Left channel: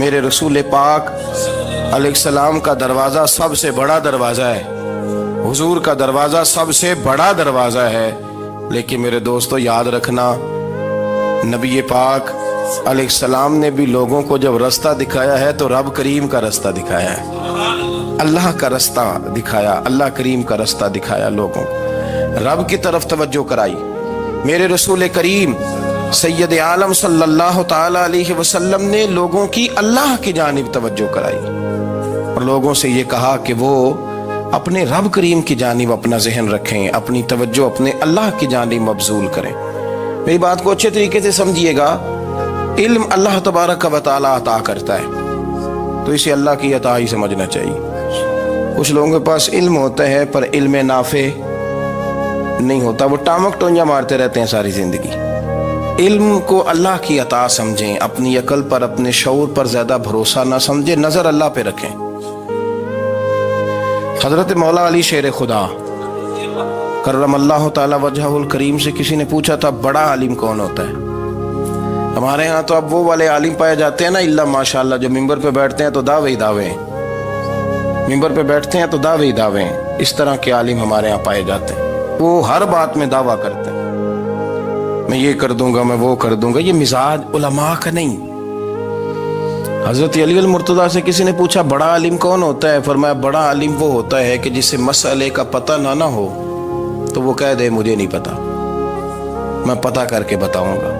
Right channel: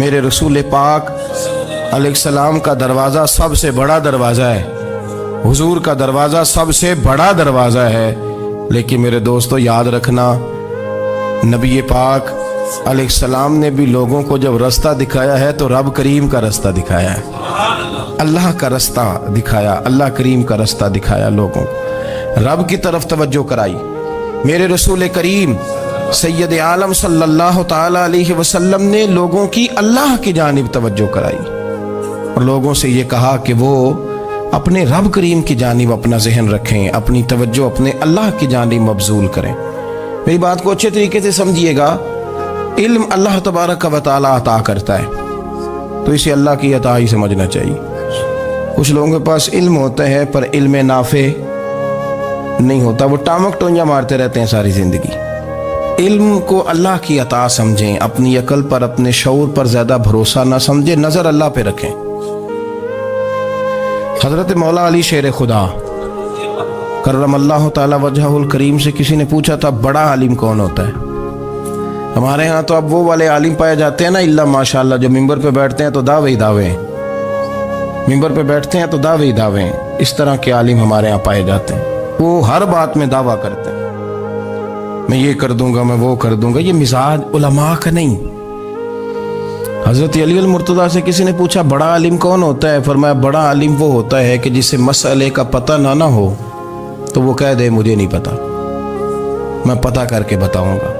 میرے رسول پاک علیہ السلام کا دروازہ سب سے بڑا دروازہ ہے، حضور کا دروازہ سب سے بڑا دروازہ ہے، لیکن میرے دوستو یاد رکھنا، نبی پاک علیہ السلام نے بھی لوگوں کو جب رستہ دکھایا ہے تو رب کریم کا رستہ دکھایا ہے، اللہ کا رستہ دکھایا، اللہ کریم کا رستہ دکھایا، لوگوں رب کی طرف توجہ کرائی۔ میرے رسول کریم سید عالم صلی اللہ تعالی علیہ وسلم نے لوگوں کی اللہ کی جانب توجہ کرائی اور لوگوں سے یہ کہا کہ وہ اپنے رب کریم کی جانب اپنا ذہن رکھیں، اپنی توجہ اپنے اللہ کی جانب مبذول کریں۔ میری بات کو اچھے طریقے سے سمجھیے گا، علم اللہ تبارک و تعالی عطا کرتا ہے تو اسے اللہ کی عطا ہی سمجھنا چاہیے۔ کچھ لوگوں کے پاس علم ہوتا ہے پر علم نافع نہیں ہوتا، وہ ٹامک ٹونیاں مارتے رہتے ہیں ساری زندگی۔ علم کو اللہ کی عطا سمجھیں، اپنی عقل پر اپنے شعور پر زیادہ بھروسہ نہ سمجھیں، نظر اللہ پہ رکھیں۔ حضرت مولا علی شیر خدا کرم اللہ تعالی وجہہ الکریم سے کسی نے پوچھا تھا بڑا عالم کون ہوتا ہے؟ ہمارے ہاں تو اب وہ والے عالم پائے جاتے ہیں نا، اللہ ماشاءاللہ، جو ممبر پہ بیٹھتے ہیں تو دعوے ہی دعوے ہیں، ممبر پہ بیٹھتے ہیں تو دعوے ہی دعوے ہیں، اس طرح کے عالم ہمارے ہاں پائے جاتے ہیں۔ وہ ہر بات میں دعویٰ کرتے ہیں، میں یہ کر دوں گا، میں وہ کر دوں گا۔ یہ مزاج علماء کا نہیں۔ حضرت علی المرتضیٰ سے کسی نے پوچھا بڑا عالم کون ہوتا ہے؟ فرمایا بڑا عالم وہ ہوتا ہے کہ جسے مسئلے کا پتہ نہ ہو تو وہ کہہ دے مجھے نہیں پتا، میں پتہ کر کے بتاؤں گا،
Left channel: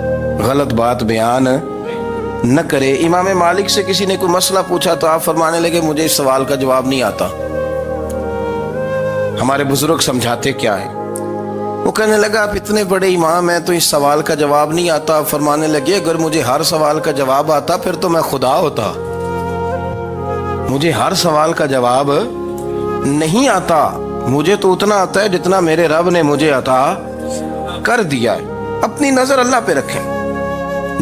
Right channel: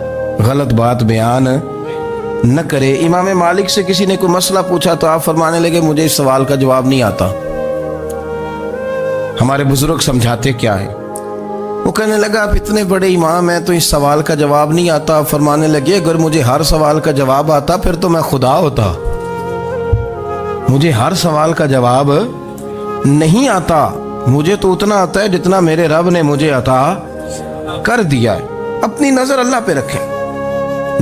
غلط بات بیان نہ کرے۔ امام مالک سے کسی نے کوئی مسئلہ پوچھا تو آپ فرمانے لگے مجھے اس سوال کا جواب نہیں آتا، ہمارے بزرگ سمجھاتے کیا ہے؟ وہ کہنے لگا آپ اتنے بڑے امام ہیں تو اس سوال کا جواب نہیں آتا۔ آپ فرمانے لگے اگر مجھے ہر سوال کا جواب آتا پھر تو میں خدا ہوتا، مجھے ہر سوال کا جواب نہیں آتا، مجھے تو اتنا آتا ہے جتنا میرے رب نے مجھے عطا کر دیا ہے۔ اپنی نظر اللہ پہ رکھیں،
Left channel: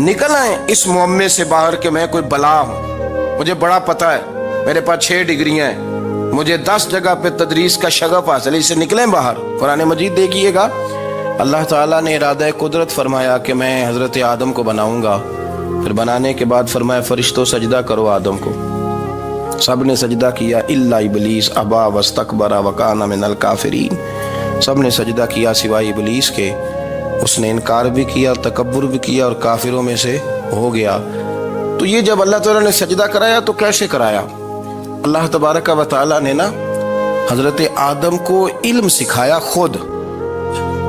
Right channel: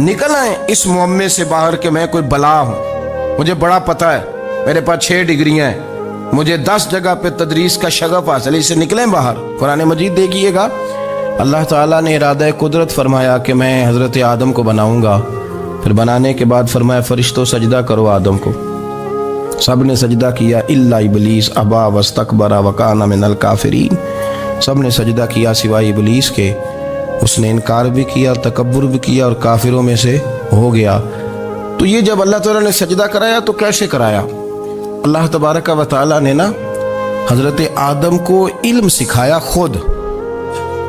نکل آئیں اس معمے سے باہر کہ میں کوئی بلا ہوں، مجھے بڑا پتہ ہے، میرے پاس 6 ڈگریاں ہیں، مجھے 10 جگہ پہ تدریس کا شغف حاصل ہے، اس سے نکلیں باہر۔ قرآن مجید دیکھیے گا، اللہ تعالیٰ نے ارادہ قدرت فرمایا کہ میں حضرت آدم کو بناؤں گا، پھر بنانے کے بعد فرمایا فرشتوں سجدہ کرو آدم کو، سب نے سجدہ کیا الا ابلیس ابا واستکبر وکان من الکافرین، سب نے سجدہ کیا سوائے ابلیس کے، اس نے انکار بھی کیا، تکبر بھی کیا اور کافروں میں سے ہو گیا۔ تو یہ جب اللہ تعالیٰ نے سجدہ کرایا تو کیسے کرایا؟ اللہ تبارک و تعالیٰ نے نا حضرت آدم کو علم سکھایا خود،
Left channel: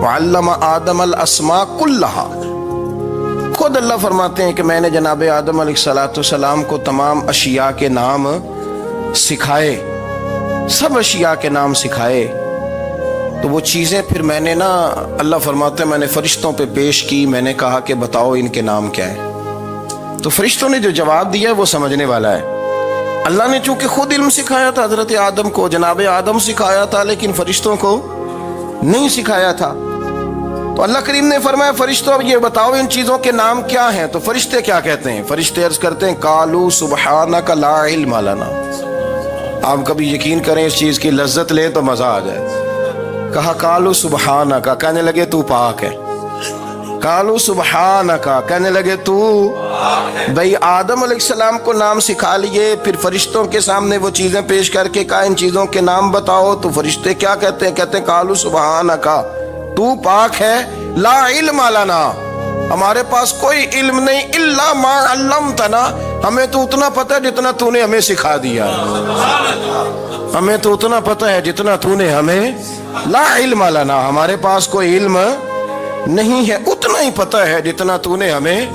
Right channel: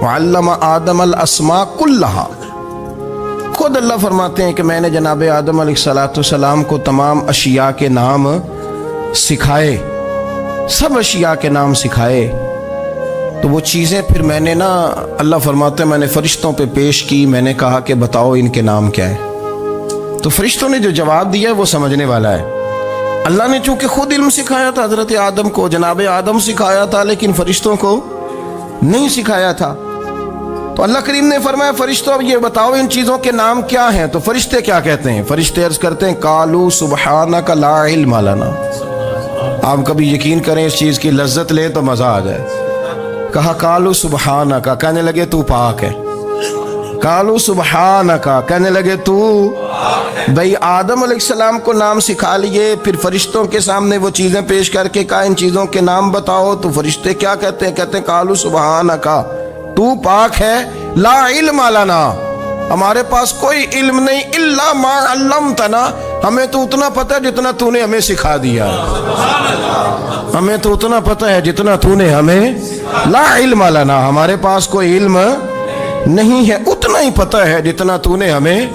وعلم آدم الاسماء کلہا، خود اللہ فرماتے ہیں کہ میں نے جناب آدم علیہ السلام کو تمام اشیاء کے نام سکھائے، سب اشیاء کے نام سکھائے۔ تو وہ چیزیں پھر میں نے نا، اللہ فرماتے ہیں میں نے فرشتوں پہ پیش کی، میں نے کہا کہ بتاؤ ان کے نام کیا ہے، تو فرشتوں نے جو جواب دیا ہے وہ سمجھنے والا ہے۔ اللہ نے چونکہ خود علم سکھایا تھا حضرت آدم کو، جناب آدم سکھایا تھا، لیکن فرشتوں کو نہیں سکھایا تھا۔ تو اللہ کریم نے فرمایا فرشتوں اب یہ بتاؤ ان چیزوں کے نام کیا ہیں؟ تو فرشتے کیا کہتے ہیں؟ فرشتے عرض کرتے ہیں قالوا سبحانک لا علم لنا۔ آپ کبھی یقین کریں اس چیز کی لذت لیں تو مزہ آ جائے۔ کہا قالوا سبحانک، کہنے لگے تو پاک ہے، قالوا سبحانک، کہنے لگے تو بھئی آدم علیہ السلام کو نام سکھا لیے، پھر فرشتوں کے سامنے وہ چیزیں پیش کر کے کہا ان چیزوں کے نام بتاؤ، تو فرشتے کیا کہتے ہیں؟ کہتے ہیں قالوا سبحانک، تو پاک ہے، لا علم لنا، ہمارے پاس کوئی علم نہیں، الا ما علمتنا، ہمیں تو اتنا پتہ ہے جتنا تو نے ہمیں سکھا دیا ہے، ہمیں تو اتنا پتہ ہے جتنا تو نے ہمیں، لا علم لنا، ہمارے پاس کوئی علم نہیں ہے، اتنا ہی پتہ ہے جتنا تو نے ہمیں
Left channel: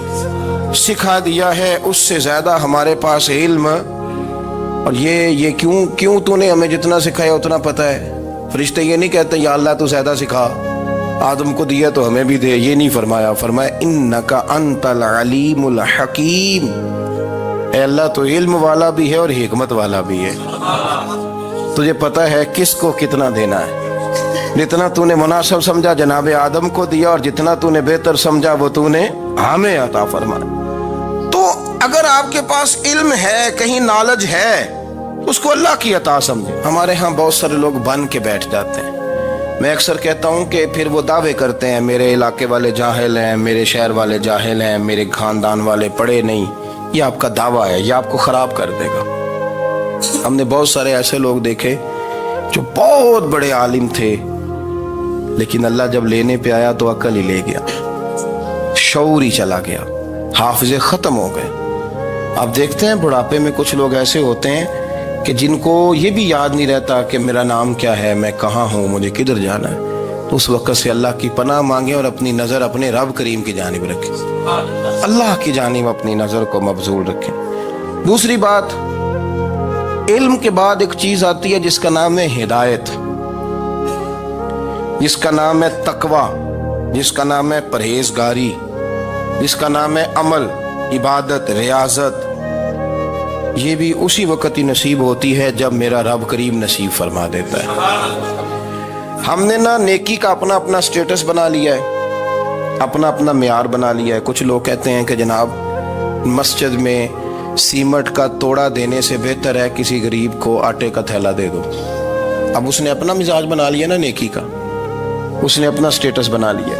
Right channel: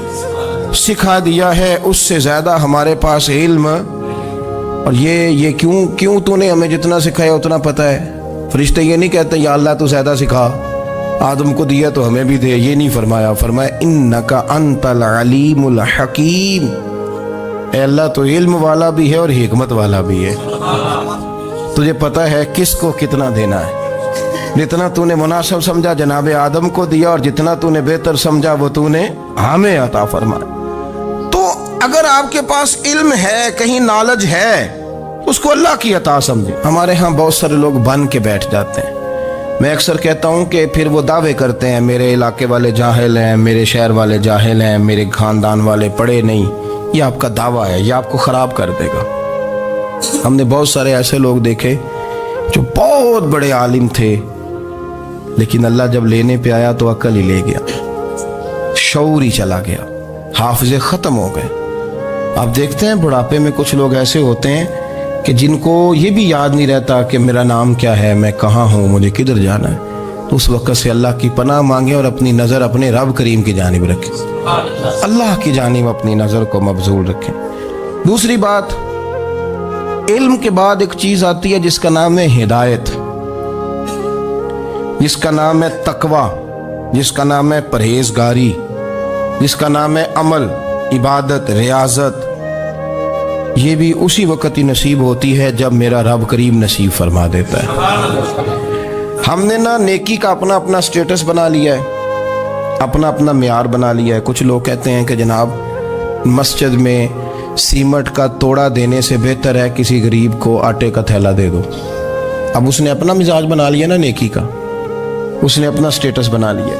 سکھا دیا ہے، اس سے زیادہ ہمارے پاس علم۔ اور یہ کیوں تو نے ہمیں جتنا سکھایا اتنا پتہ ہے؟ فرشتے یہ نہیں کہتے یا اللہ تو زیادہ سکھا، آدم کو دیا تو ہمیں بھی دے، یہ نہیں فرمایا، فرمایا انکا انت العلیم الحکیم، اے اللہ تو علم والا بھی ہے اور حکمت والا بھی ہے، تجھے پتہ ہے کس کو کتنا دینا ہے، جتنا تو نے مناسب سمجھا جناب آدم کو دیا، اور جتنا تو نے بہتر سمجھا وہ تو نے ہمیں عطا فرمایا۔ تو اگر آپ کے پاس علم ہے، کہیں نالج ہے، اس کو اللہ کی عطا سمجھے۔ ہمارے ہاں بہت سارے لوگ بن کے بیٹھ جاتے ہیں، میں اکثر کہتا ہوں کہ پھر وہ دعوے کرتے ہیں میرے علاقے والے جاہل ہیں، میرے شہر والے جاہل ہیں، میرے خاندان والے پڑھے نہیں، یہ آپ کا دعویٰ ہے، یہ آپ کو خراب کر دے گا۔ ہم نے بہت سارے ایسے لوگ دیکھے جو بہت بڑے عالم تھے، لیکن اللہ جب لینے پہ آیا تو عقل ہی لے گیا، شعور ہی چلا گیا، حافظے ختم ہو گئے۔ آپ دیکھتے ہیں بڑھاپے میں کچھ لوگ ایسے ہوتے ہیں کہ جن کو یہ بھی یاد نہیں رہتا کہ میرا نام کیا ہے، میں کہاں ہوں، مجھے کدھر جانا ہے۔ تو اس وقت سے اللہ کی پناہ مانگیں اور اپنی نظر اپنے رب کریم کی جانب رکھیں، اللہ کی جانب اپنی نظر کو مبذول رکھیں۔ دوسری بات، علم کے بعد ایک چیز آتی ہے جس کا نام ہے ہدایت، جس کا نام ہے تقوی، جس کا نام ہے پرہیزگاری، جس کا نام ہے عمل، عبادت، ریاضت۔ یہ بھی اسی وقت ہی نصیب ہوتی ہے جب میرا رب کریم نصیب فرما دیتا ہے۔ ہم نے نا نیکی کا اپنا اپنا سٹیٹس بنا لیا ہے، اپنا اپنا معیار بنا لیا ہے۔ کچھ لوگ کہتے ہیں کہ جناب مسجد میں سیمٹ کا توڑا دینے سے بہتر ہے کسی غریب کو آٹے کا تھیلا دے دو۔ اب اس نے اپنا مزاج بنا لیا نا نیکی کا، اس نے اپنا سٹیٹس بنا لیا۔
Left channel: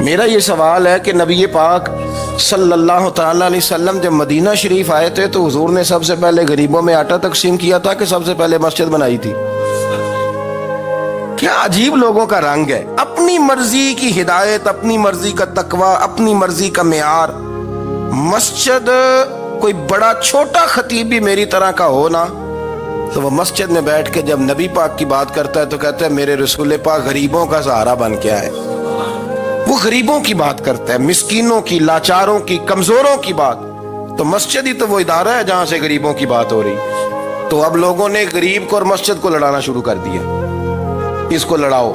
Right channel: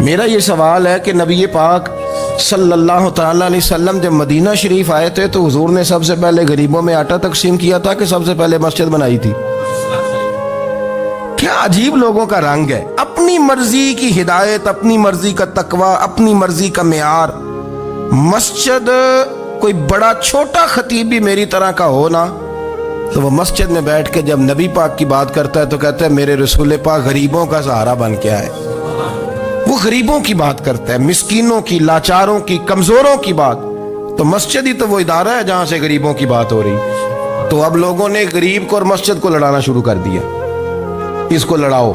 میرا یہ سوال ہے کہ نبی پاک صلی اللہ تعالیٰ علیہ وسلم جب مدینہ شریف آئے تھے تو حضور نے سب سے پہلے غریبوں میں آٹا تقسیم کیا تھا کہ سب سے پہلے مسجد بنائی تھی؟ کیا عجیب لوگوں کا رنگ ہے، اپنی مرضی کی ہدایت، اپنی مرضی کا تقوی، اپنی مرضی کا معیار۔ مسجد کوئی بڑا چھوٹا خطیب بھی میری طرح کا ہو نا تو وہ مسجد میں بیٹھ کے جب نبی پاک کی بات کرتا ہے تو کہتا ہے میرے رسول پاک غریبوں کا سہارا بن کے آئے۔ وہ غریبوں کی بات کرتا ہے، مسکینوں کی، لاچاروں کی، کمزوروں کی بات۔ تو مسجد ہی تو وہ ادارہ ہے جہاں سے غریبوں کی بات ہو رہی۔ تو اب لوگوں نے غریب کو اور مسجد کو لڑانا شروع کر دیا، اس کو لڑاؤ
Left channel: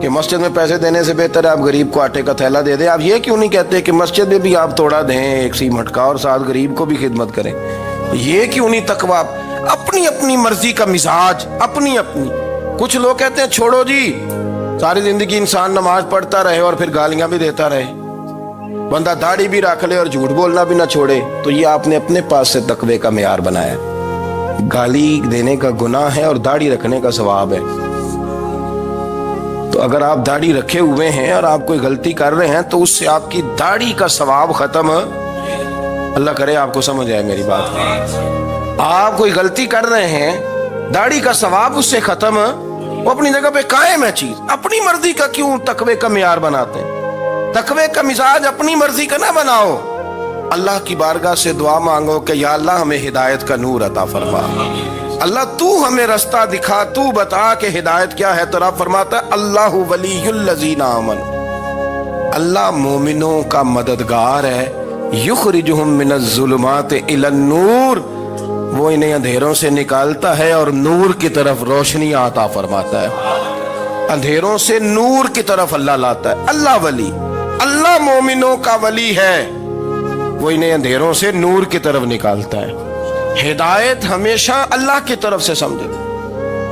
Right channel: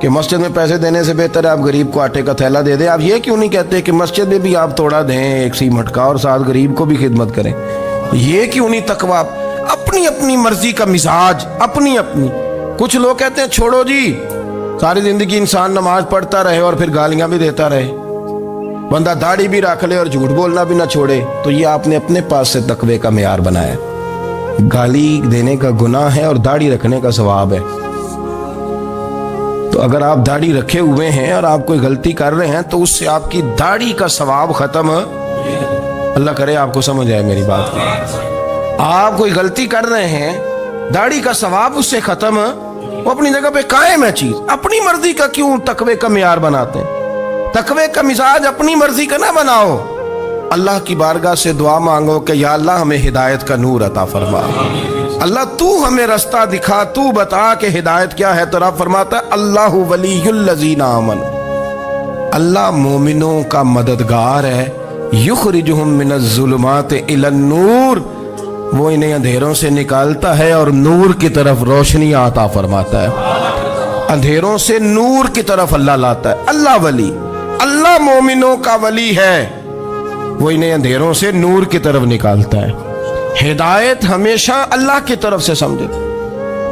کہ مسجد میں پیسے دینے سے بہتر ہے آپ غریب کو آٹے کا تھیلا دے دیں۔ آپ یہ کیوں نہیں کہتے کہ مسجد میں بھی آپ توڑا دیں ایک سیمٹ کا اور ساتھ غریب کو بھی خدمت کریں؟ یہ کیوں نہیں تقویٰ؟ اپنی اپنی مرضی کا مزاج، اپنی اپنی۔ کچھ لوگ کہتے ہیں چھوڑو جی، ساری زندگی انسان نماز پڑھتا رہے اور پھر گالیاں بھی دیتا رہے، بندہ داڑھی بھی رکھ لے اور جھوٹ بولنا بھی نہ چھوڑے۔ تو یہ آپ نے اپنے پاس سے تقوی کا معیار بنایا۔ گالی دینے کا گناہ ہے اور داڑھی رکھنے کا ثواب ہے۔ تو اگر آپ داڑھی رکھے ہوئے ہیں اور آپ کوئی غلطی کر رہے ہیں تو اس سے آپ کی داڑھی کا ثواب ختم، اللہ کرے آپ کو سمجھ آئے میری بات۔ آپ کوئی غلطی کر رہے ہیں، داڑھی کا ثواب اس سے ختم، وہ اپنی جگہ پہ قائم ہے چیز۔ اپنی مرضی کا کیوں تقوی کا معیار بناتے ہیں؟ تقوی کا مزاج اپنی مرضی کا نہ بناؤ۔ اللہ کی بارگاہ سے دعا مانگو کہ یا اللہ ہمیں ہدایت کا نور عطا فرما، اللہ تو ہمیں رستہ دکھا، تو بتا کہ ہدایت کیا ہے۔ تو رب فرماتا ہے اللہ ولی الذین آمنوا، اللہ مومنوں کا مددگار ہے، یخرجہم من الظلمات الی النور، وہ انہیں اندھیروں سے نکالتا ہے اور نور کی طرف روشنی عطا فرماتا ہے۔ اندھیروں سے نور کی طرف اللہ لاتا ہے۔ اللہ ولی، اللہ مومنوں کا ولی ہے، وہ انہیں اندھیروں سے نور کی طرف نکالتا ہے۔ ہدایت ہمیشہ اللہ کی طرف سے سمجھے۔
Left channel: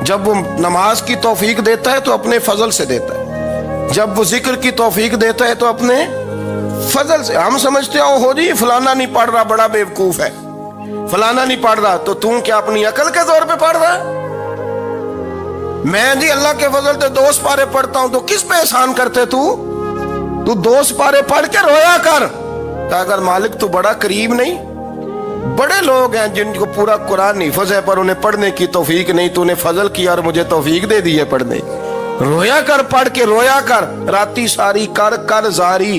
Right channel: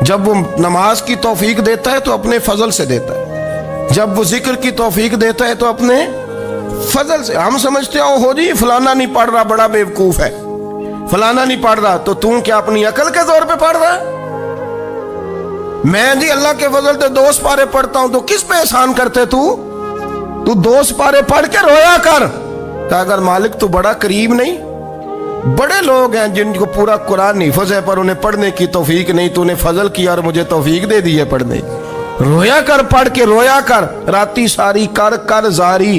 جب وہ نماز کی توفیق دیتا ہے تو اپنے فضل سے دیتا ہے، جب وہ ذکر کی توفیق دیتا ہے تو اپنے فضل سے۔ ہم سمجھتے ہو جی فلانا نہیں پڑھ رہا بڑا بیوقوف ہے، فلانا نہیں پڑھ رہا، تو تم کیا اپنی عقل کے زور پہ پڑھ رہا ہے؟ میں جی اللہ کے فضل سے 2 سپارے پڑھتا ہوں، تو کس پہ احسان کرتے تو 2 سپارے پڑھ کے رویا کر کہ اگر مالک تو بڑا قریب نہیں۔ بڑے لوگ ہیں جن کو پورا قرآن حفظ ہے پر انہیں پڑھنے کی توفیق نہیں، تو انہیں فضل کیا اور مجھے توفیق دے دی ہے پڑھنے۔ رویا کر، پڑھ کے رویا کر، راتی ساری کر کر زاری،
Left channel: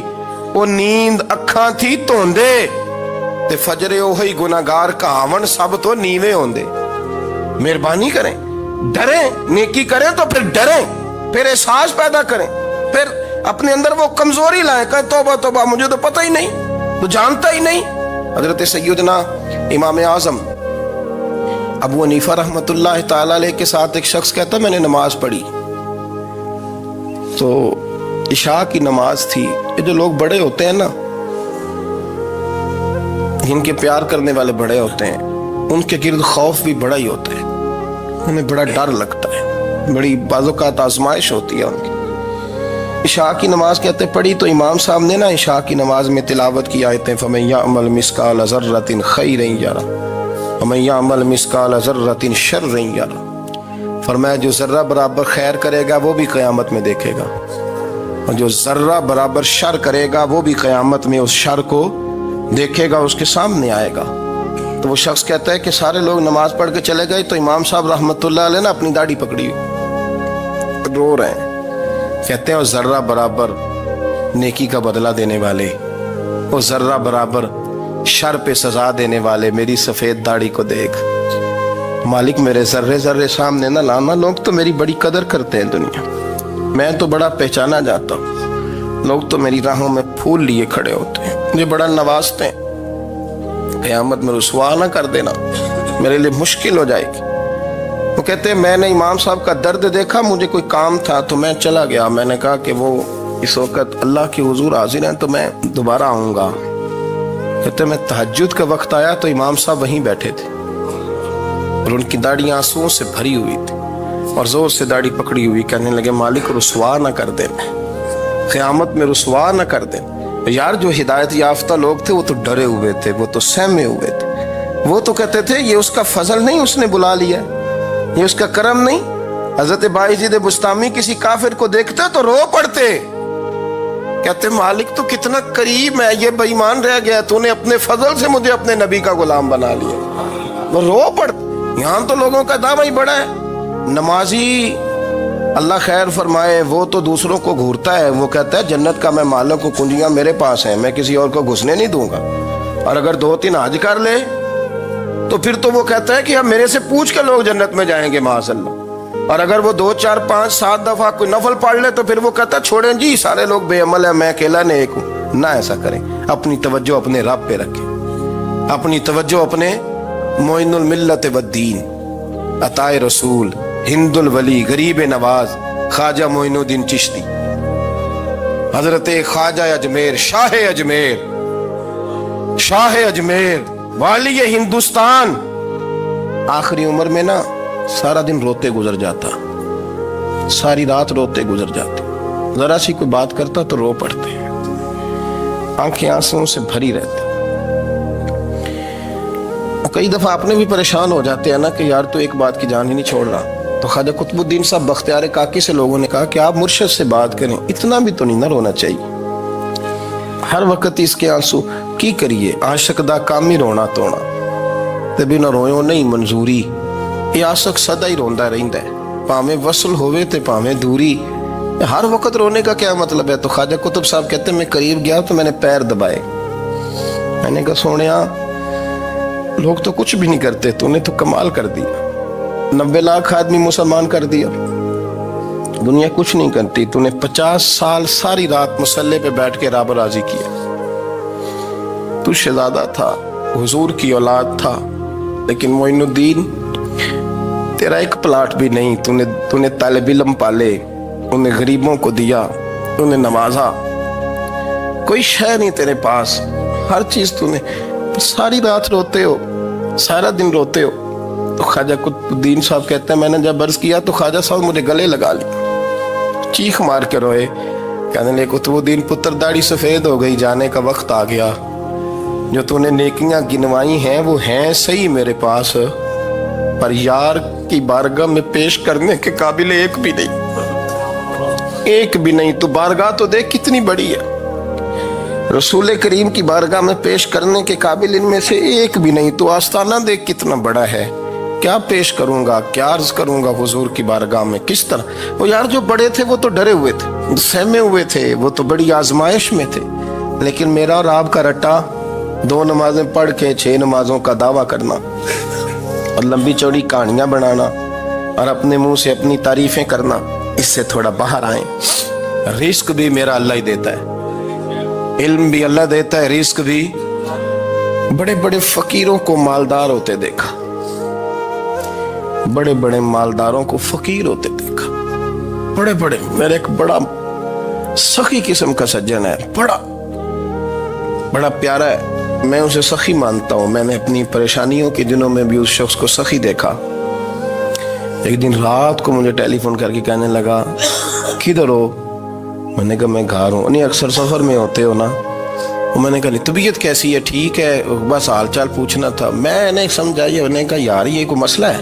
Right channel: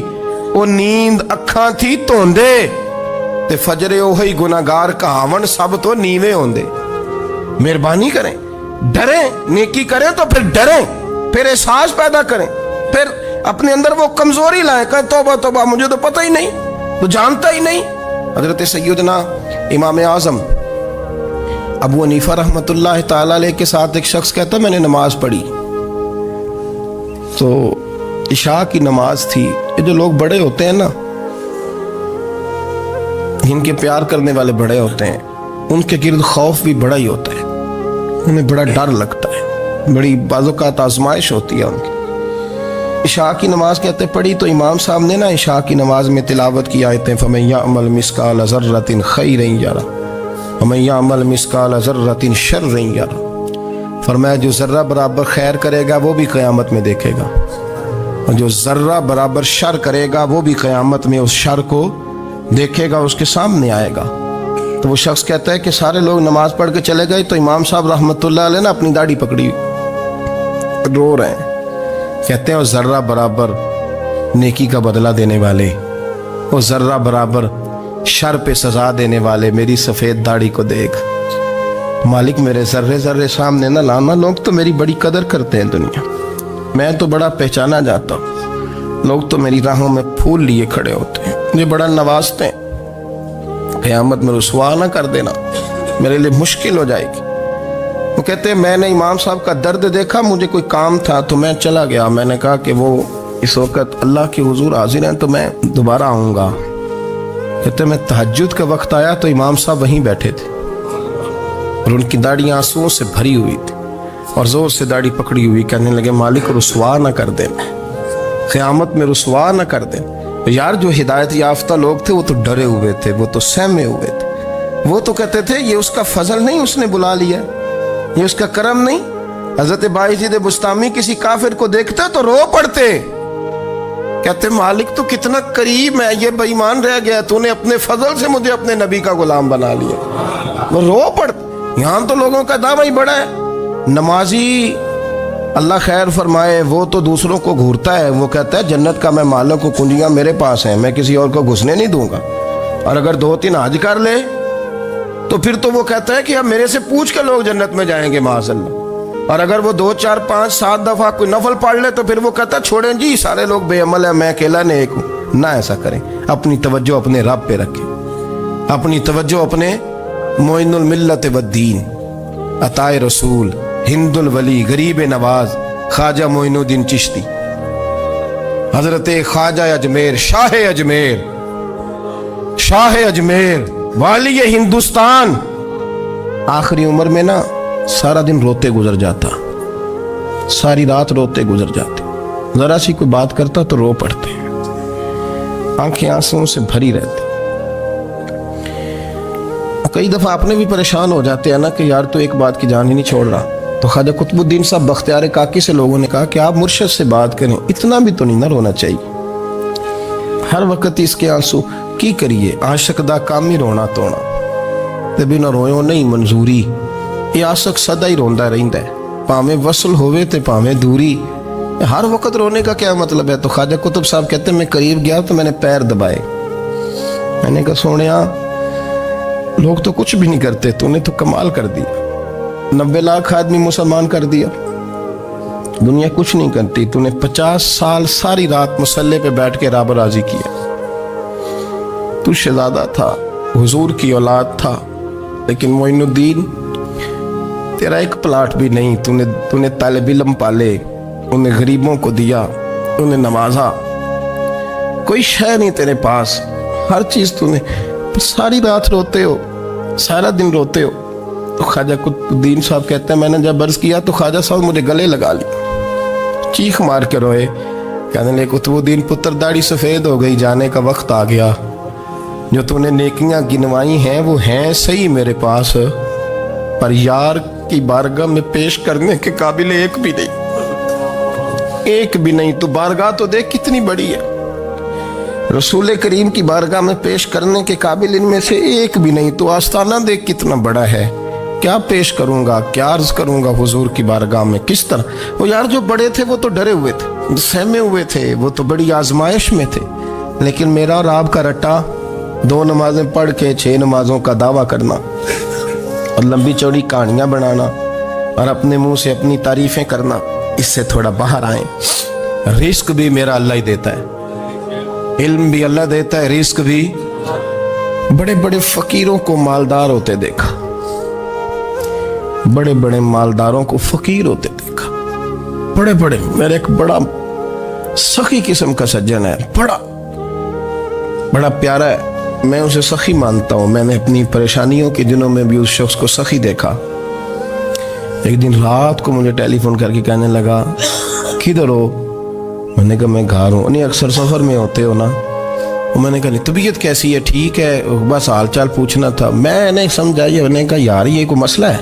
وہ نیند اکھاں تھی توندے تے فجرے اوہی گناہگار کہاون سب تو نیوے ہوندے۔ مہربانی کریں، ڈریں، نیکی کریں تو پھر ڈریں، پھر احساس پیدا کریں، پھر اپنے اندر وہ کمزوری لائیں، کہیں توبہ توبہ مجھے تو پتہ ہی نہیں، تو جانتا ہی نہیں۔ حضرت سیدنا امام اعظم ابو حنیفہ رحمۃ اللہ تعالی علیہ کے ساتھ ایک شخص کہتا میں نے نماز پڑھی تو عشاء کی نماز تھی۔ یہ جو لوگ بڑے ہوتے ہیں نا، جن کے پیار کرنے والے بڑے ہوتے ہیں، ان کے گرد خوف بھی بڑا ہی ہوتا ہے، انہیں بڑا ڈر لگتا ہے، بڑی بعض اوقات آزمائش ہوتی ہے ان کی۔ عشاء کی نماز کہتے پڑھی تو امام صاحب نے نا عشاء کی نماز میں تلاوت کی آیتیں فَمَن يَعْمَلْ مِثْقَالَ ذَرَّةٍ خَيْرًا يَرَهُ وَمَن يَعْمَلْ مِثْقَالَ ذَرَّةٍ شَرًّا يَرَهُ، فرمایا جو ذرہ برابر خیر کرے گا وہ بھی قیامت میں دیکھے گا، اور جو ذرہ برابر شر کرے گا وہ بھی قیامت میں اس شر کو دیکھے گا اس کے سامنے آئے گا. تو وہ شخص کہتا ہے کہ سارے لوگ نماز پڑھ کے چلے گئے تو امام صاحب رحمۃ اللہ علیہ نے اپنی داڑھی پکڑی رو رہے ہیں. کہتے ہیں وہ ذرہ برابر نیکی کا بدلہ دینے والے، وہ ذرہ برابر شر پہ سزا دینے والے میری سفید داڑھی کو دیکھ. مالک میرے ذرے ذرے سامنے نہ لانا، لوگ تو میری بڑی قدر کرتے ہیں دنیا، میں تو بڑا پہچانا جاتا ہوں، لوگ تو میری راہوں میں پھول لیے کھڑے ہوتے ہیں، مجھے بڑا نوازتے ہیں. قیامت میں رسوا نہ کر دینا، میرے لیے مشکل ہو جائے گی. وہ کہتے ہیں میں نے امام صاحب کا درد دیکھا، مجھے کوئی کام تھا تو میں چلا گیا. میں نے کہا کہ وہ اس وقت اللہ کے حضور حاضر ہیں تو میں دوبارہ آؤں گا. کہتے ہیں میں تہجد کا وقت آیا تو امام صاحب وہیں بیٹھے تھے اور ان کی داڑھی آنسوؤں سے بھری ہوئی تھی اور زور سے داڑھی پکڑی ہوئی. کہنے لگے مالک رسوا نہ کر دیں، قیامت میں رسوا نہ کر دیں. یار جو ہدایت یافتہ لوگ تھے وہ تو ڈرے ہوئے تھے، وہ تو سہمے ہوئے تھے، وہ تو کہتے تھے یہ اس کا فضل نہیں، اس نے بلا لیا، یہ اس کا کرم نہیں. حضرت باعزید بستامی کسی کافر کو دیکھتے تو رو پڑتے، کہتے مالک تو کتنا قریب ہے، یہ بے ایمان رہ گیا، تو نے اپنے فضل سے مجھے اپنے نبی کا غلام بنا لیا. وہ رو پڑتے. یہاں تو لوگوں کا دعویٰ ہی بڑا ہے. نمازی اللہ خیر فرمائے وہ تو دوسروں کو گھورتا ہے، وہ کہتا ہے جنت کا میں مالک ہوں، کنجیاں میرے پاس ہیں، میں کسی اور کو گھسنے نہیں دوں گا. اور اگر 2-3 حج کر لے تو پھر تو وہ کہتا ہے کہ اب میرے سے پوچھ کے لوگ جنت میں جائیں گے معاذ اللہ. اور اگر وہ 2 4 5 7 دفعہ کوئی نفل پڑھ لے تو پھر وہ کہتا ہے چھوڑیں جی سارے لوگ بے عمل ہیں، میں اکیلا نیک ہوں. نہ ایسا کریں، اپنی توجہ اپنے رب پہ رکھیں، اپنی توجہ اپنے معین الملت والدین، عطائے رسول، ہند الولی، غریب نواز، خواجہ معین الدین چشتی، حضرت خواجہ اجمیر، شاہ اجمیر، والی ہندوستان. آخری عمر میں نا سارا دن روتے گزر جاتا، ساری رات روتے گزر جاتے، ذرا سی کوئی بات کرتا تو رو پڑتے، آنکھیں آنسوں سے بھری رہتی. کئی دفعہ اپنے بھی پریشان ہو جاتے ہیں نا کہ یار تو ایک بات کی جان ہی نہیں چھوڑ رہا. تو خواجہ قطب الدین صاحب بختیار کاکی سے لوگوں نے کہا کہ آپ مرشد سے بات کریں، اتنا بھی تو نہیں نہ رونا چاہیے، ہر وقت اس کے آنسو کی کریے. عاشق دا کام ہی رونا تونا تے بنا رویوں نہیں منظوری. یہ عاشق سدا ہی روندا رہندا ہے، پاویں وصل ہوئے تے پاویں دوری. ہر وقت رونے کا کیا مطلب ہے؟ تو خواجہ قطب صاحب کہتے ہیں میں قریب گیا تو میں نے پیر دبائے، میں نے کہا سونیا لوگ تو کچھ بھی نہیں کرتے، تو نے تو کمال کر دیا، 90 لاکھ آدمی مسلمان کر دیا، دنیا کچھ نہیں کرتی، تو نے 50 سال ساری رات مسلح پہ بیٹھ کے رب راضی کیا. تو شہزادہ تھا، حضور کی اولاد تھا، لیکن معین الدین تیرا ایک پلاٹ بھی نہیں، تو نے طالب علم پالے، انہیں غریبوں کو دیا، انہیں نوازا، کوئی شے نہیں تیرے پاس، ہر چیز تو نے. ساری رات روتے ہو، سارا دن روتے ہو. تو خواجہ قطب الدین صاحب کہتے ہیں میں نے جب عرض کیا تو خواجہ صاحب مجھے گلے لگا لیا، چیخ مار کے روئے، کہنے لگے قطب الدین پتر داڑھی سفید ہو گئی، جانے کا وقت آ گیا، جو تو نے نیکیاں گنوائی ہیں وہ ہیں صحیح میرے پاس، پر یار کی بارگاہ میں پیش کرنے کے قابل ایک بھی نہیں. تو بارگاہ تو دیکھ کتنی بڑی ہے، رسول کریم کی بارگاہ میں پیش کرنے کے قابل ان میں سے ایک بھی نہیں. تو آستانہ دیکھ کتنا بڑا ہے، کیا پیش کروں گا، کیا عرض کروں گا حضور کی بارگاہ میں، کس طرح. وہ یار جو بڑے تھے وہ تو ڈرے ہوئے تھے، سہمے ہوئے تھے، وہ تو بڑی آزمائش میں تھے، لیکن میرا اور آپ کا رٹا 2 نمازیں پڑھ کے 6 نمازوں کا دعویٰ کرنا اور لمبی چوڑی کہانیاں بنانا اور اپنے منہ سے اپنی تعریفیں کرنا، اس سے تھوڑا باہر آئیں. رزق بھی میرا اللہ ہی دیتا ہے، علم بھی اللہ دیتا ہے، رزق بھی. بڑے بڑے فقیروں کو مالدار ہوتے دیکھا، بڑے بڑے مالداروں کو فقیر ہوتے دیکھا، بڑے بڑے. میرے ایک بڑا سخی قسم کا سجن ہے، بڑا پیارا ہے، میں اسے سخی مانتا ہوں. میں نے اپنی پریشانیوں کے دنوں میں بھی اس شخص کو سخی دیکھا. ایک دن رات کو مجھے ٹیلی فون کر کے کہنے لگا کدھر ہو؟ میں نے کہا میں گھر ہوں. نہیں اکثر سفر میں ہوتے ہو نا؟ میں نے کہا طبیعت کیسی ہے؟ ٹھیک ہے، بس حال چال پوچھنا تھا. میں نے سمجھائی، میں نے کہا یار یہ کوئی مسئلہ ہے،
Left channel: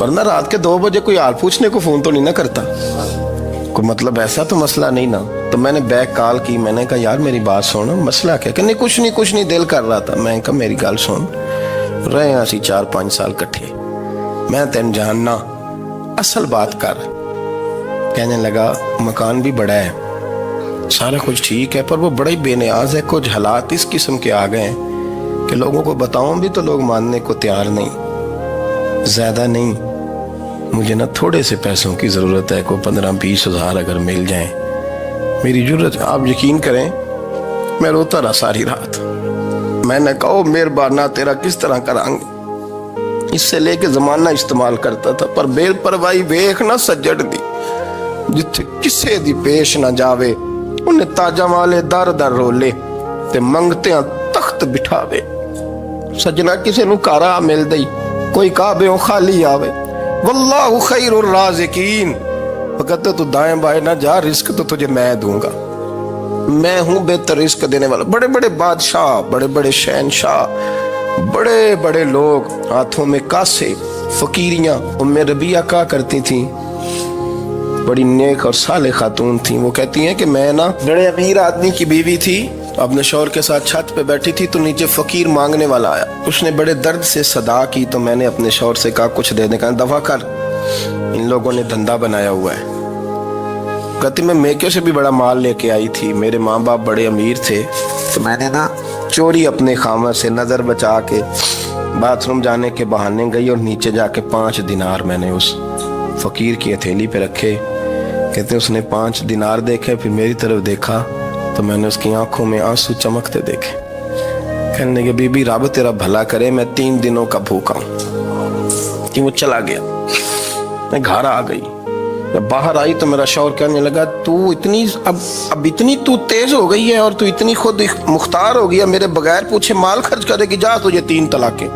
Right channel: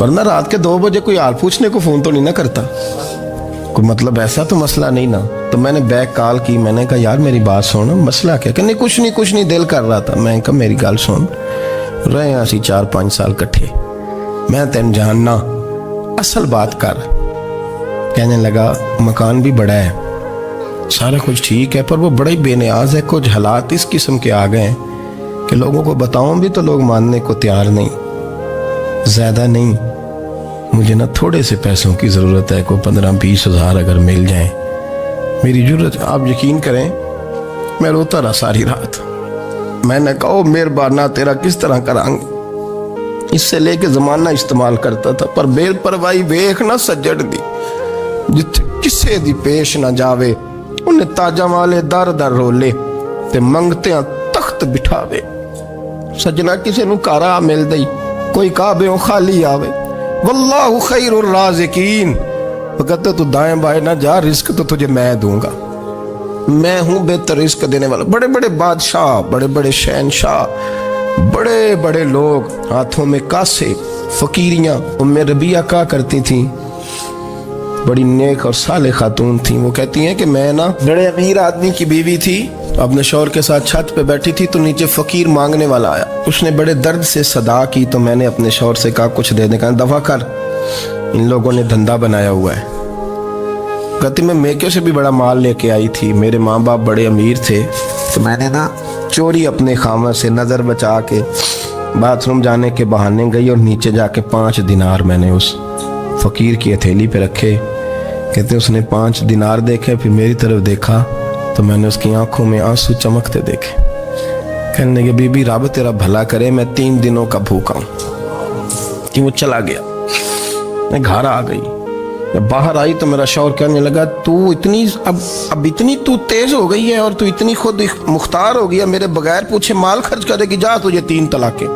ورنہ رات کے 2 بجے کوئی حال پوچھنے کو فون تو نہیں نہ کرتا، کوئی مطلب ایسا تو مسئلہ نہیں نا. تو میں نے بیک کال کی, میں نے کہا یار میری بات سن, مسئلہ کیا؟ کہ نہیں کچھ نہیں دل کر رہا تھا. میں کہا میری گل سن, رہے ہیں اسی 4-5 سال کٹھے, میں تین جاننا, اصل بات کر. کہنے لگا مکان بھی بڑا ہے, سارا کچھ ٹھیک ہے, پر وہ بڑا ہی بے نیاز ہے. کچھ حالات اس قسم کے آ گئے ہیں کہ لوگوں کو بتاؤں بھی تو لوگ ماننے کو تیار نہیں. زیادہ نہیں, مجھے نا تھوڑے سے پیسوں کی ضرورت ہے, کوئی 15-20 ہزار اگر مل جائیں میری ضرورت. آپ یقین کریں میں روتا رہا ساری رات. میں نے کہا مہربانہ تیرا کس طرح کریں گے, اس سے لے کے زمانہ استعمال کرتا تھا, پر بے پرواہی ویکھ نہ سجڑ دی, جتھے کسے دی پیش نہ جاوے انہیں تاجہ والے در در رولے تے منگتیاں تخت بٹھاوے. سجنا کسے نو کارا مل دئی, کوئی کعبے خالی آوے. واللہ خیر الرازقین, وقت تو دائیں بائیں نہ جا, رزق تو تجھے میں دوں گا, میں ہوں بہتر رزق دینے والا. بڑے بڑے بادشاہ, بڑے بڑے شہنشاہ, بڑے بڑے لوگ, ہاتھوں میں کاسے, فقیریاں. ام ربیعہ کہا کرتی تھیں, بڑی نیک اور صالح خاتون تھیں. وہ کہتی ہیں کہ میں نا بڑے امیر آدمی کی بیوی تھی, اپنے شوہر کے ساتھ چھت پہ بیٹھی تھی تو نیچے فقیر مانگنے والا آیا. اس نے بڑے درد سے صدا کی تو میں نے اپنے شوہر سے کہا کچھ دے دیں. کہا دفع کر, ان لوگوں نے دھندا بنایا ہوا ہے. کہتی میں میکے سے بھی بڑا مال لے کے آئی تھی, میرے ماں باپ بڑے امیر تھے, تو میں نے نا چوری اپنے خامہ سے نظر بچا کے باتھ روم جانے کے بہانے گئی, اور نیچے جا کے 5 دینار میں نے اس فقیر کی ہتھیلی پہ رکھے. کہتے اس نے 5 دینار دیکھے, پھر میری طرف دیکھا تو میں نے اس کی آنکھوں میں آنسو چمکتے دیکھے. کہنے لگے بی بی رب تیرا بھلا کرے, میں 3 دنوں کا بھوکا ہوں. کہ وہ چلا گیا. میں گھر آ گئی, جب باہر آئی تو میرا شوہر کہنے لگا تو اتنی اب اتنی تو تیز ہو گئی ہے, اور تو اتنی خود مختار ہو گیا, میرے بغیر پوچھے مال خرچ کرے گی, جا تجھے 3 طلاقیں.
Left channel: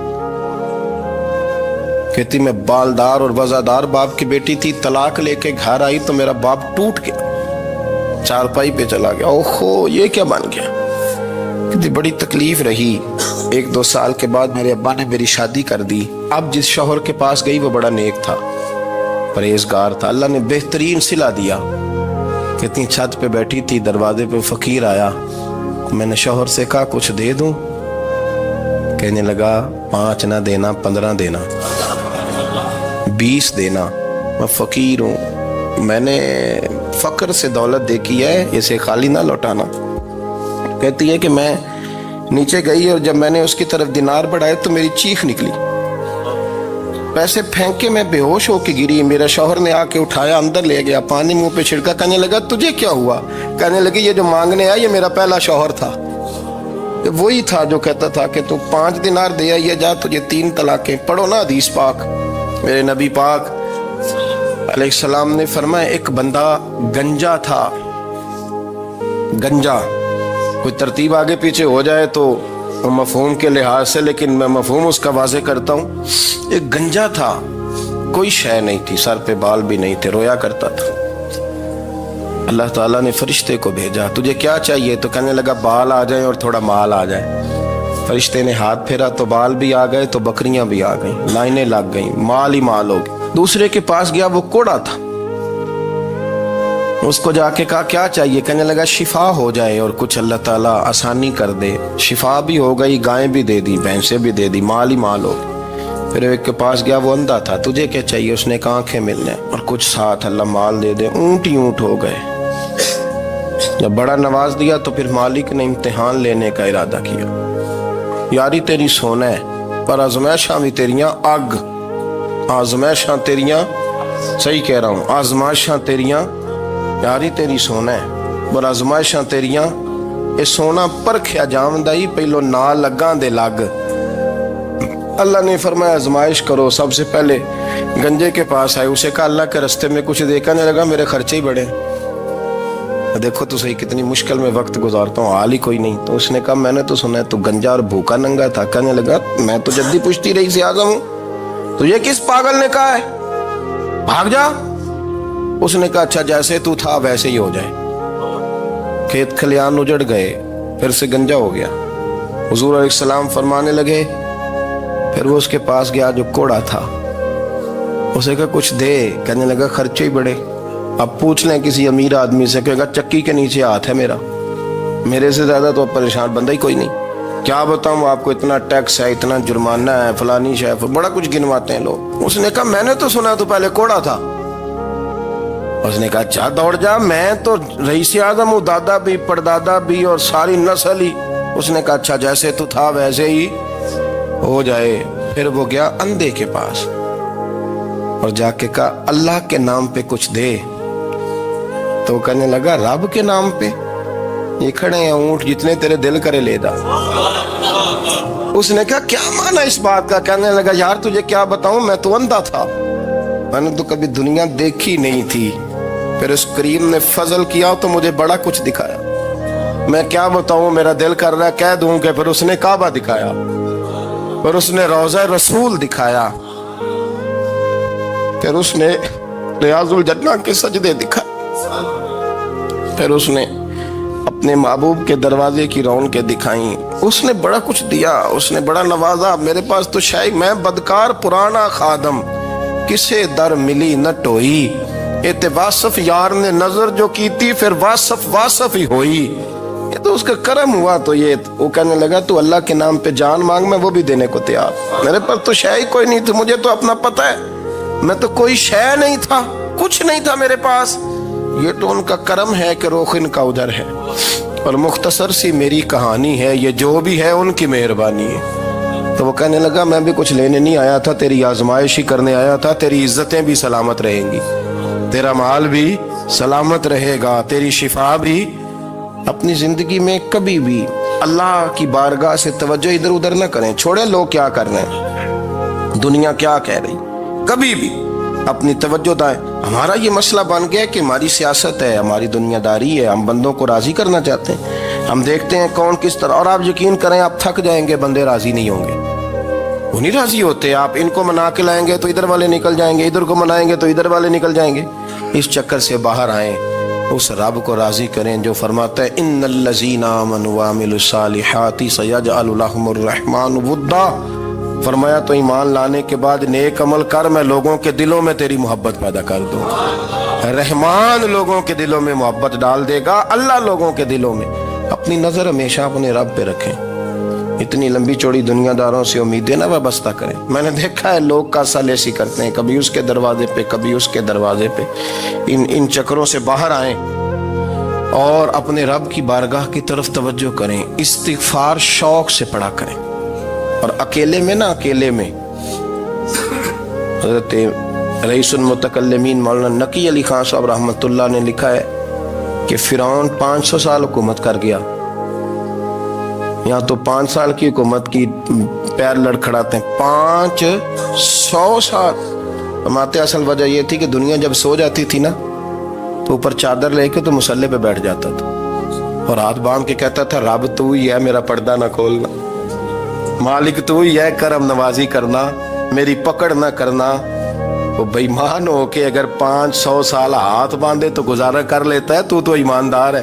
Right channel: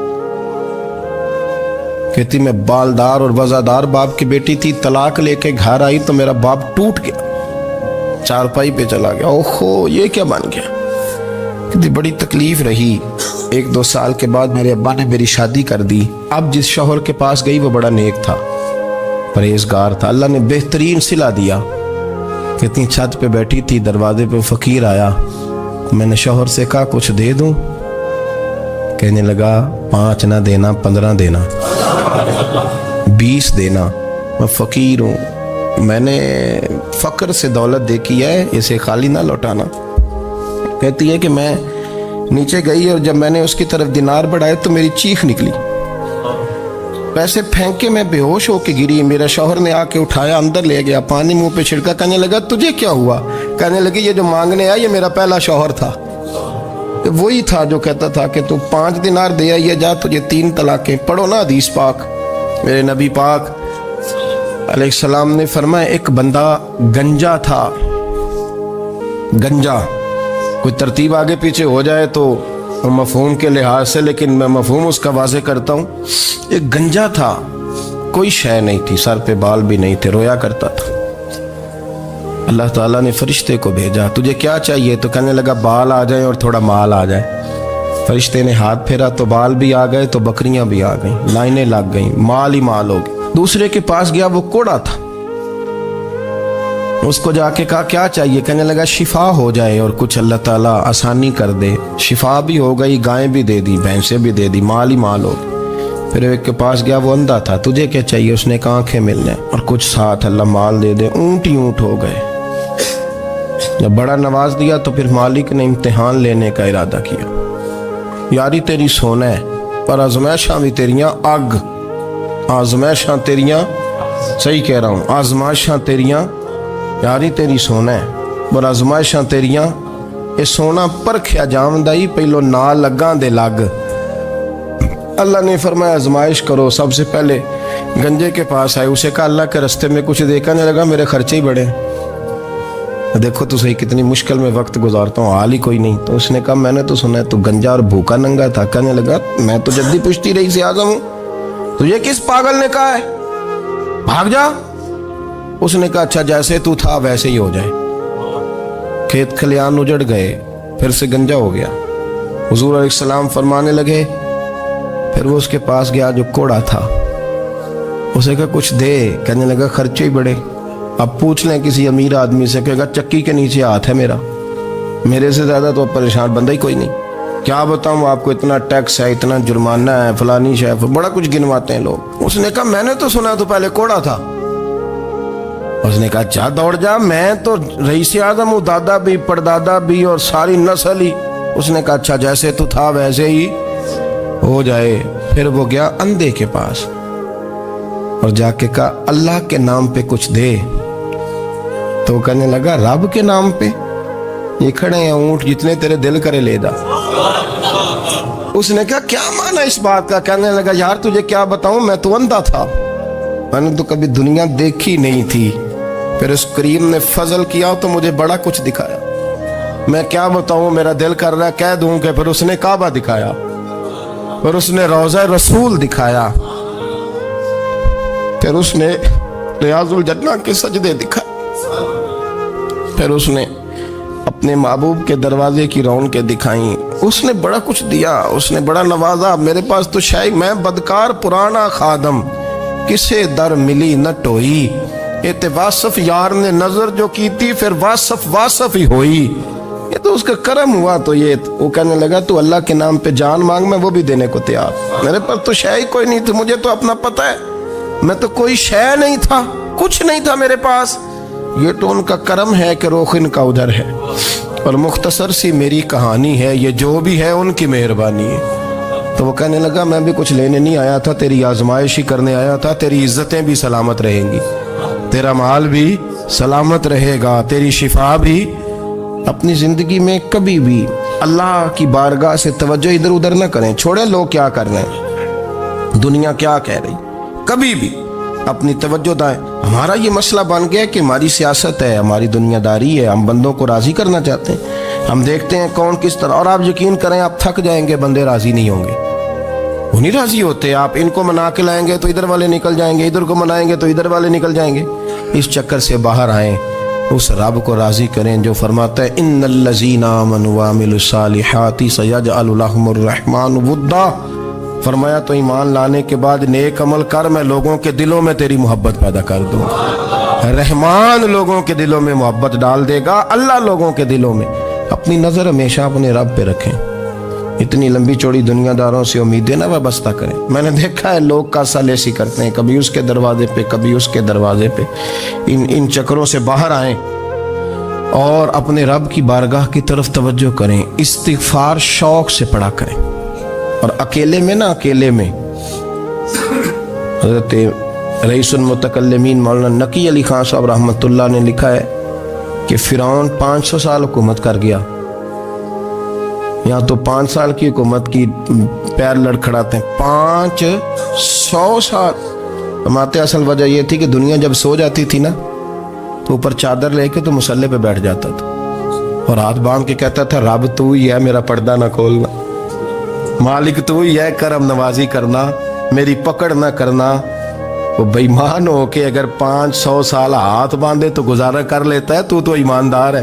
کہتی میں بالدار اور وزادار باپ کی بیٹی تھی, طلاق لے کے گھر آئی تو میرا باپ ٹوٹ گیا, چارپائی پہ چلا گیا. اوہو یہ کیا بن گیا. کہتی بڑی تکلیف رہی. 1-2 سال کے بعد میرے ابا نے میری شادی کر دی. اب جس شوہر کے پاس گئی وہ بڑا نیک تھا, پرہیزگار تھا, اللہ نے بہترین صلہ دیا. کہتی چھت پہ بیٹھی تھی, دروازے پہ فقیر آیا, میں نے شوہر سے کہا کچھ دے دوں. کہنے لگا 5 نہ دینا, 15 دینا, 20 دینا, میں فقیر ہوں, میں نے فقر سے دولت دیکھی ہے, اسے خالی نہ لوٹانا. کہتی ہے کہ میں نیچے گئی اور جب میں نے اس کی طرف دینار بڑھائے تو میری چیخ نکلی, پیسے پھینک کے میں بے ہوش ہو کے گری. میرا شوہر نے آ کے اٹھایا, اندر لے گیا, پانی منہ پہ چھڑکا. کہنے لگا تجھے کیا ہوا؟ کہنے لگی یہ جو مانگنے آیا یہ میرا پہلا شوہر تھا, وہی تھا جو کہتا تھا کہ تو 5 دینار دے آئیے, جا تجھے 3 طلاقیں. پڑھو نا حدیث پاک. میرے نبی پاک علیہ السلام نے فرمایا ایک بندہ گنجا تھا. گنجا, کوئی ترتیب آگے پیچھے ہو جائے تو مفہوم کے لحاظ سے, لیکن میں مفہوم اس کا واضح کرتا ہوں. ایک گنجا تھا, کوئی شے نہیں تھی, سر پہ بال بھی نہیں تھے, رویا کرتا تھا. اللہ تعالیٰ نے فرشتے کو بھیجا, تجھے کیا چاہیے؟ تو کہنے لگا بال آ جائیں اور تھوڑا مال آ جائے. فرشتے نے ہاتھ پھیرا تو بال بھی آ گئے, تو بکریاں بھی آ گئیں, لائنیں لگ گئیں, مال ہی مال ہو گئے. دوسرے کے پاس گیا, وہ کوڑا تھا, اس کو جا کے کہا کیا چاہیے؟ کہنے لگا شفا ہو جائے اور کچھ اللہ تعالیٰ آسانی کر دے. شفا بھی ہو گئی, گائیں بھی دے دی, بھینسیں بھی دے دی, مال ہی مال ہو. پھر ایک کے پاس گیا, وہ اندھا تھا, تجھے کیا چاہیے؟ اس نے کہا آنکھیں ملنے اور کچھ ساتھ اللہ مال دے دے. اونٹ ہی اونٹ ہو گئے. جب بڑا نواز دیا تو پھر مالک نے امتحان لینے کا ارادہ کیا. یاری تیری سونا ہے, پر آزمائشاں بھی تیریاں اگ. آزمائشاں تیریاں, صحیح کہہ رہا ہوں, آزمائشاں تیریاں, یاری تیری سونا ہے پر آزمائشاں تیریاں. یہ سونا پرکھیا جامدائی, پہلو نال لگاں دے لگ. اللہ نے فرمایا آزمائش کرو. سب سے پہلے گنجے کے پاس آئے, اسے کہا اللہ کے رستے میں کچھ دیکھا نہیں لگا, میرے خرچے ہی بڑے. دیکھو تو صحیح کتنی مشکل میں وقت گزارتا ہوں, حال ہی کوئی نہیں. تو اس نے کہا میں نے تو سنا ہے تو گنجا اور بھوکا ننگا تھا. کہنے لگا میں تو جدی پشتی رئیس اعظم ہوں, تجھے کس پاگل نے کہا ہے بھاگ جا؟ اس نے کہا اچھا جیسے تو تھا ویسے ہی ہو جائے. کھیت کھلیان اجڑ گئے, پھر سے گنجا ہو گیا. حضور علیہ السلام فرمانے لگے, پھر وہ اس کے پاس گیا جو کوڑا تھا, اسے کہا کچھ دے. کہنے لگا خرچے ہی بڑے. اب پوچھ لیں کسی امیر آدمی سے، کہے گا چکی کے نیچے ہاتھ ہے میرا، میرے سے زیادہ تو پریشان بندہ ہی کوئی نہیں، کیا بتاؤں آپ کو، اتنا ٹیکس ہے، اتنا جرمانہ ہے، فلانی شے، بڑا کچھ گنواتے ہیں لوگ۔ اس نے کہا میں نے تو سنا تو پہلے کوڑا تھا۔ اس نے کہا جا دوڑ جا، میں تو رئیس اعظم ہوں، دادا بھی پردادا بھی اور ساری نسل ہی۔ اس نے کہا اچھا جیسے تو تھا ویسے ہی ہو جائے۔ پھر وہ گیا اندھے کے پاس اور جا کے کہا اللہ کے نام پہ کچھ دے۔ تو کہنے لگا رب کے نام پہ؟ یہ کھڑے ہیں اونٹ، جتنے تیرے دل کرے لے دا۔ اس نے کہا کیا معنی اس بات کا؟ کہنے لگا یار تجھے کیا بتاؤں، میں تو اندھا تھا، میں نے تو کبھی دنیا دیکھی نہیں تھی، پھر اس کریم نے فضل کیا تو مجھے بڑا کچھ دکھایا، میں کیا بتاؤں، میرا دل کر رہا ہے کہہ دوں کہ پھر اس نے کعبہ دکھایا، پھر اس نے روضہ رسول دکھایا، پھر اس نے ریاض الجنہ کے سجدے دکھائے، پھر اس نے اپنے محبوب کے دروازے کی رونقیں دکھائیں، اس نے بڑا کچھ دیا، اس نے بڑا نوازا۔ میرے پاس تو شاید میں بدکار پرانا خادم، کسے در ملی نہ ٹوئی، واصف یار نے نظر جو کی تھی پھر واصف ہی ہوئی، یہ تو اس کا کرم ہوا۔ تو یہ وہ کہنے لگا تو اللہ کے نام پہ جان مانگ، میں وہ بھی دینے کو تیار، میرے پاس تو شے ہی کوئی نہیں تھی، مجھے تو اپنا پتہ ہے، میں تو کوئی شے نہیں تھا، کچھ نہیں تھا میرے پاس، یہ تو ان کا کرم ہے کہ رخ ان کا ادھر ہے، اور مختصر سی میری کہانی ہے، یہ جو بھی ہے ان کی مہربانی ہے۔ تو وہ کہنے لگا میں بھی کچھ لینے نہیں آیا تھا، تیری آزمائش ہی کرنے آیا تھا، تیری عزتیں بھی سلامت رہیں گی، تیرا مال بھی سلامت رہے گا، تیری شفا بھی۔ اپنی زندگی میں کبھی بھی اللہ کی بارگاہ سے توجہ ادھر ادھر نہ کریں، چھوڑیں لوگ کیا کر رہے ہیں، دنیا کیا کہہ رہی، کبھی بھی اپنی توجہ دائیں۔ ہمارا یہ مسئلہ بن گیا کہ ہماری سیاست ہے، ہماری دنیا داری ہے، ہم بندوں کو راضی کرنا چاہتے ہیں، ہم دیکھتے ہیں کون کس طرح، اور آپ یقین کریں آپ تھک جائیں گے، بندے راضی نہیں ہوں گے، وہ نہیں راضی ہوتے، آپ ان کو منا کے لائیں گے تو ادھر والے نکل جائیں گے، ادھر کو منائیں گے تو ادھر والے نکل جائیں گے۔ اس چکر سے باہر آئیں، اس رب کو راضی کریں جو فرماتا ہے ان الذین آمنوا وعملوا الصالحات سیجعل لهم الرحمن ودا۔ فرمایا تو ایمان لانے کے بعد نیک عمل کر، میں لوگوں کے دلوں میں تیری محبت پیدا کر دوں، رحمان لوگوں کے دلوں میں محبت ڈال دے گا، اللہ لوگوں کے دلوں میں۔ اپنی نظر ہمیشہ اپنے رب پہ رکھیں، اتنی لمبی چوڑی دنیا داروں سے امیدیں نہ وابستہ کریں۔ میں نے دیکھا ہے لوگ کاسا لیسی کرتے ہیں، کبھی اس کے دروازے پہ کبھی اس کے دروازے پہ، ان چکروں سے باہر آئیں اور اپنے رب کی بارگاہ کی طرف توجہ کریں، استغفار شوق سے پڑھا کریں، اور اکیلے میں نہ، اکیلے میں حضرت رئیس المتکلمین مولانا نقی علی خان صاحب رحمۃ اللہ نے لکھا ہے کہ فرعون 500 سال حکومت کر گیا، یہاں تو 5 سال کی حکومت کی پیر لڑکھڑاتے ہیں، 500 سال۔ فرماتے اصل وجہ یہ تھی کہ دنیا جب سو جاتی تھی نا تو اوپر چادر لے کے تو مصلے پہ بیٹھ جاتا تھا اور ہاتھ باندھ کے کہتا تھا رب تو ہی ہے، میرا پردہ نہ کھولنا، مالک تو ہی ہے، کرم نوازی کرنا، میری پکڑ نہ کرنا۔ وہ بے ایمان ہو کے اگر 500 سال ہاتھ باندھے تو گزارا کر لیتا ہے، تو ایماندار ہے،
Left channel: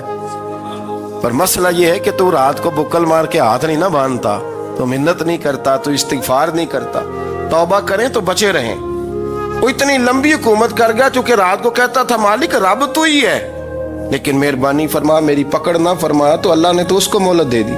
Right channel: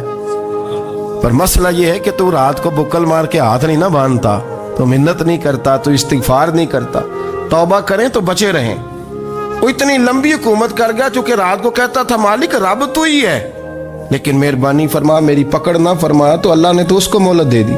پر مسئلہ یہ ہے کہ تو رات کو بکل مار کے ہاتھ نہیں نہ باندھتا، تو منت نہیں کرتا، تو استغفار نہیں کرتا، توبہ کریں تو بچے رہیں۔ وہ اتنی لمبی حکومت کر گیا چونکہ رات کو کہتا تھا مالک رب تو ہی ہے، لیکن مہربانی فرما، میری پکڑ نہ فرمایا تو اللہ نے تو اس کو مہلت دے دی۔